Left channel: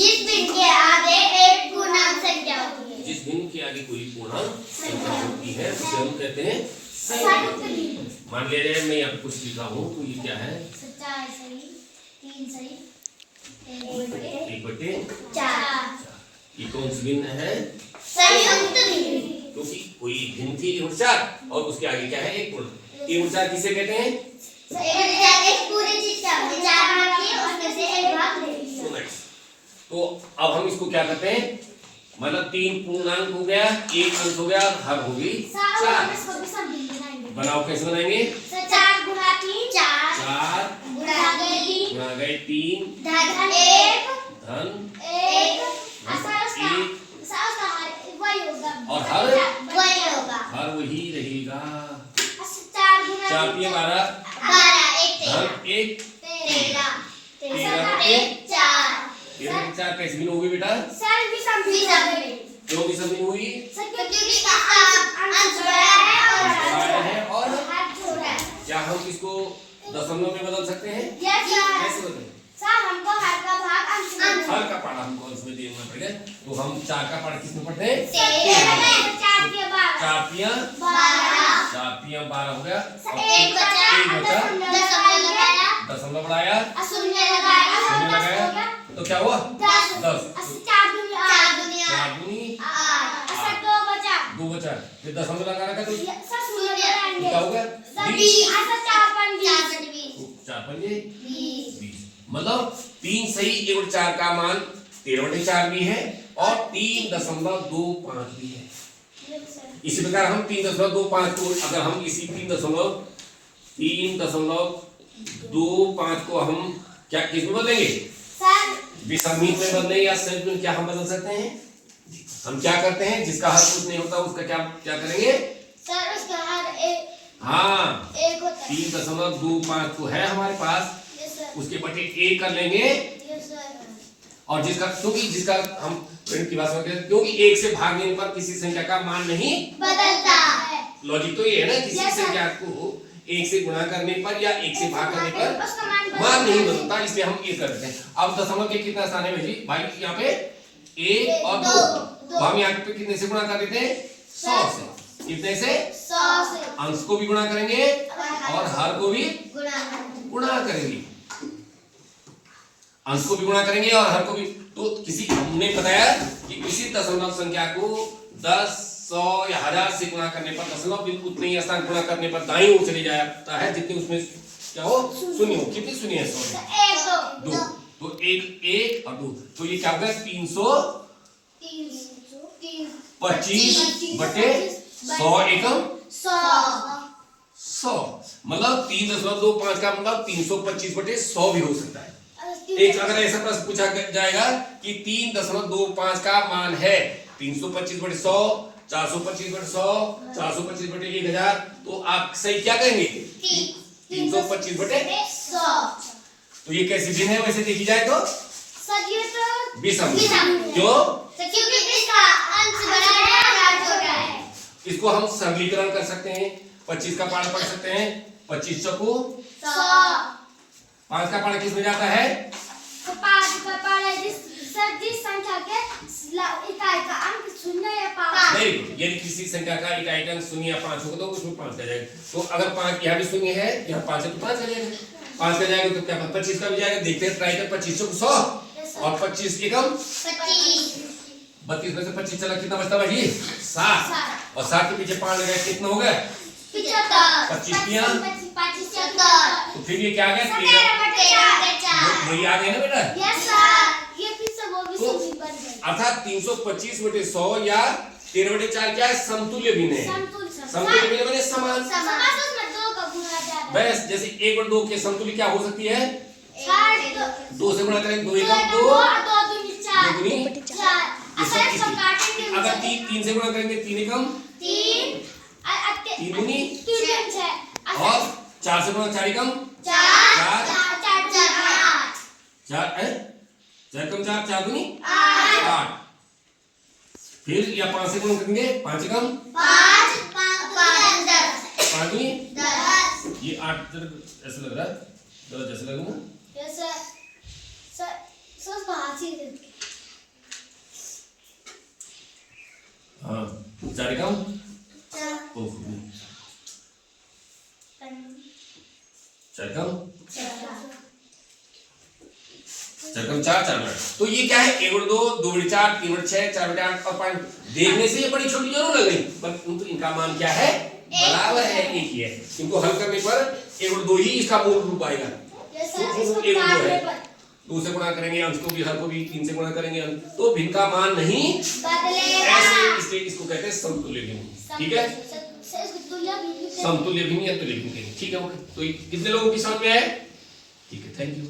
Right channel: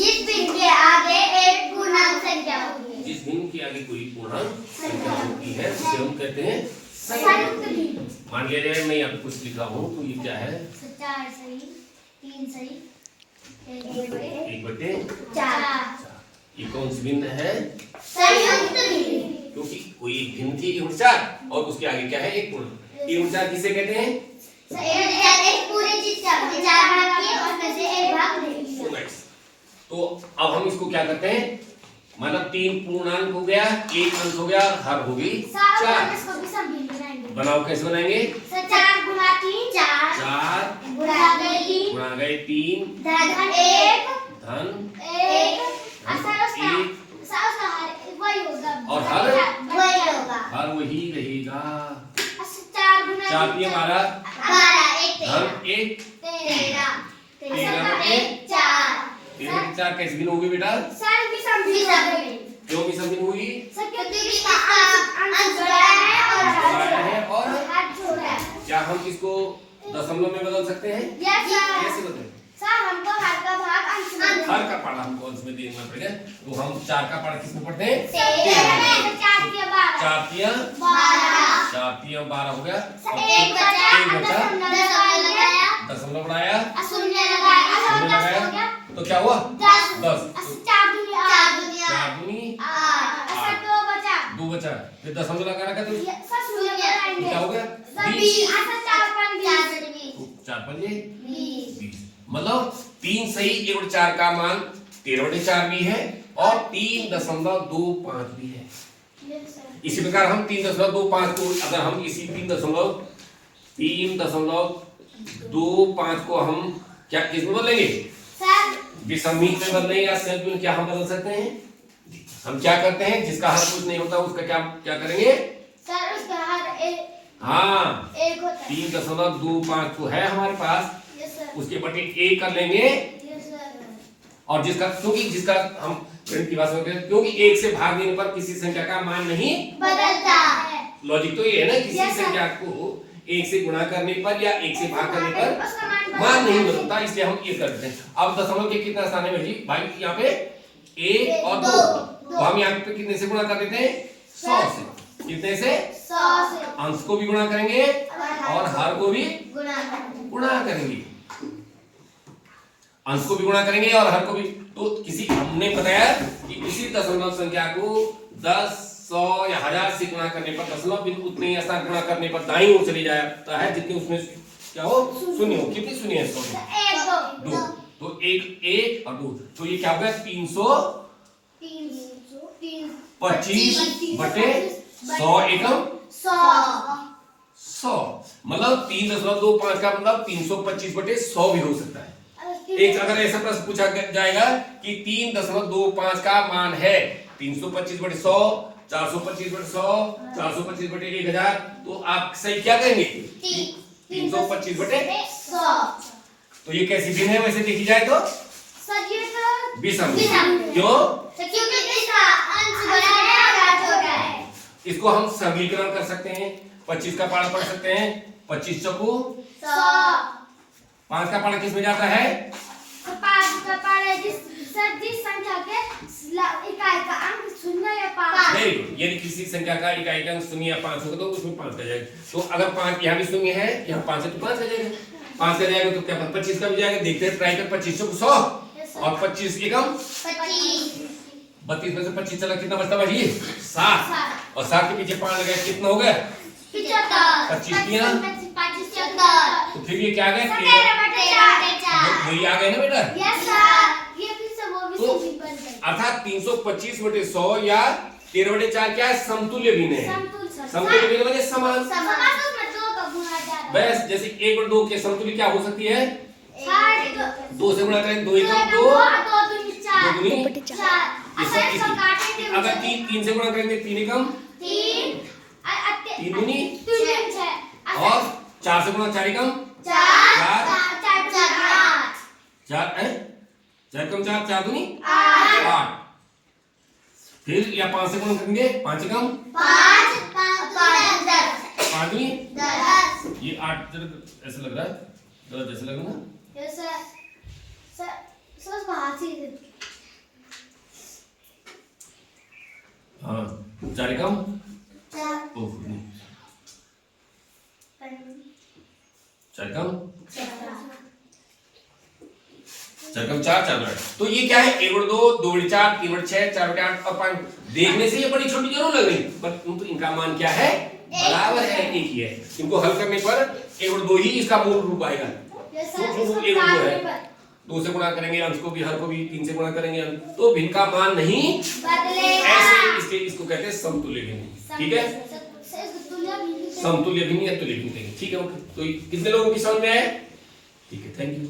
जिस भिन्न के आगे एक पूर्णांक संख्या होती है। जिस भिन्न के आगे कोई पूर्णांक संख्या होती है उसे हम कहते हैं संयुक्त भिन्न। मान लिया जाए मैं यहाँ पे कुछ लिखा हूँ तो ये क्या है? 4 सही, 3 सही, 1/4। ये कौन सी भिन्न है? संयुक्त भिन्न। क्योंकि कोई भिन्न थी 1/4 और उसके आगे क्या है? एक पूर्ण। 1/4 किसे कहते हैं? एक पूरी चीज का 4 भाग किए और उसमें से एक भाग ले लिया। तो अब हम इसको क्या करते हैं? मतलब 3 पूर्णांक हो गया, 1 अंश हो गया, हर हो गई 4। इसको भी सब भिन्न बनाएंगे। बनाओ कैसे बनाएंगे? 4 गुणा 3 4 4 गुणा गए 3 गुणा गए 3 धन 1 धन 1 वही होगा और हर वही होगा। हर वही रहेगा। 4 गुणा 4 3 12 धन 1 13 13 बटे 4 4 कैसे भिन्न होगी बेटा? सर भी भिन्न। क्यों भी भिन्न हुई? क्योंकि इसका अंश बड़ा है और हर छोटा है। क्या हम इसको दशमलव में बदल सकते हैं? कैसे बदलें? सर हमको हर का भाग अंश में हर का पारा हमको अंश में देना पड़ेगा। तो हम 4 का पारा किस में पढ़ते हैं? 4 4 तिया 12 हो गया। एक बचा दशमलव बढ़ाया शून्य लगाया तो क्या हुआ? 10 4 दूनी 2 बचा। फिर दशमलव लगाना का तो शून्य क्या हो गया? 20 4 पंजे 20। मतलब 3 सही 1/4 का मान 13/4 भी है और 3.25 भी है। इसी प्रकार हम 3.25 को अगर हम इसी 3.25 को हम क्या किस में बदलेंगे? विषमित में बदलेंगे या संयुक्त में क्या हम बदल सकते हैं? हम क्या करते हैं? जिसका हर कुछ नहीं होता उसका क्या करेंगे? सर उसका हर एक हाँ एक होता है। 3.25 तो है हमारे पास, उसके बटे 1 कर लेंगे और जिसका हम गणित की भाषा में कहते हैं क्योंकि 1 से भाग देने पर किसी संख्या का मान नहीं बदलता है। लॉजिक तो ये है ना, किसी संख्या को 1 से गुणा करने पर या 1 से भाग करने पर मान नहीं बदलता, इसलिए हम ये करते हैं। अब दशमलव के कितना स्थान है भाई? भाई यहाँ पे 1 और 2 तो हम यहाँ पे कितने से गुणा कर देते हैं? 100 से। कितने से? 100 से। अंश को भी गुणा करेंगे और हर को भी गुणा करेंगे। अंश को भी गुणा करेंगे और हर को भी। तो हमने बताया कि किसी दशमलव संख्या को 10 100 या 1000 से गुणा करने पर दशमलव बिंदु उतने ही स्थान गुणा करने पर दाईं ओर चले जाता है जितनी उसमें क्या हो? शून्य हो। कितनी शून्य है? 2 तो 1 और 2 तो ये क्या हो गया? 325 बटे 100 एकम 100 मतलब 3.25 का मतलब 325 बटे 100 भी हो सकता है। एक अगर ऐसा प्रश्न पूछा जाएगा कि 3.25 का मान है 325 बटे 100 425 बटे 100 425 बटे 1000 तो आप सही क्या कहेंगे? 325 बटे 100। तो ये कैसी भिन्न है वैसे देखी जाए तो? विषम। क्यों? क्योंकि इसका अंश बड़ा है और हर छोटा है। इसको हम सरलीकरण कर सकते हैं। 25 का पारा पढ़ सकते हैं। 25 चौको 100। 5 का पारा किस में जाता है? 5 का पारा जिस संख्या के इकाई का अंक 0 या 5। Very good. यदि किसी संख्या का इकाई का अंक 0 या 5 होगा तो उसमें 5 का जाएगा। तो अगर 5 यहाँ भी 0 है, यहाँ 5 है तो 5 का जाएगा। 5 का जाएगा तो क्या 25 का भी जाएगा। देखते हैं ट्राई कर। 25 चौको 100 और 25 एकम 32 में से 25 चला कितना बचता भाई? 7 और 7 के पीछे 5 लगाया कितना हो गया? 75 तो फिर ये क्या आ गया? 13 यही आ गया ना बेटा? Yes sir. ये फिर से वो भी तो सही बन गई। अर्थात 325 बटे 100 या 13/4 क्या है? समतुल्य भिन्न है। समतुल्य भिन्न माने समान। बस जैसे 1/2 के समतुल्य क्या हो सकती है? 2 से गुणा करें 2 एकम 2 2 दूनी 4। अगर 3 से गुणा करेंगे 3 एकम 3 दूनी और 4 से गुणा 4 एकम 4 कम 4 दूनी 8। फिर या 5 से गुणा करेंगे 5 एकम 5 दूनी ये 8 ऐसा लग रहा है जैसे लग रहा है। चार एकम चार चार एकम चार चार चार मिनट। तो ये क्या है, 1 बटे 2, 2 बटे 4, 3 बटे 6, 4 बटे 8 और 5। देखने से ये बड़ी छोटी जरूर लग रही, पर तो इनका मान क्या है, बराबर है, एक ही है। इनको हल करने पर 1 बटे 2 ही इसका मूल रूप आएगा। इसको 1 बटे 2 है, काटने पर 2 से गुणा करेंगे अंश को भी, हर को भी 3 से गुणा करेंगे अंश, तो भिन्न का मान नहीं बदलेगा। ऐसे इसको कहते हैं समतुल्य भिन्न। ठीक है, समतुल्य भिन्न या तुल्य भिन्न कहेंगे। ठीक है, ओके। तो कितने लोगों की समझ में आया? ठीक है, थैंक यू।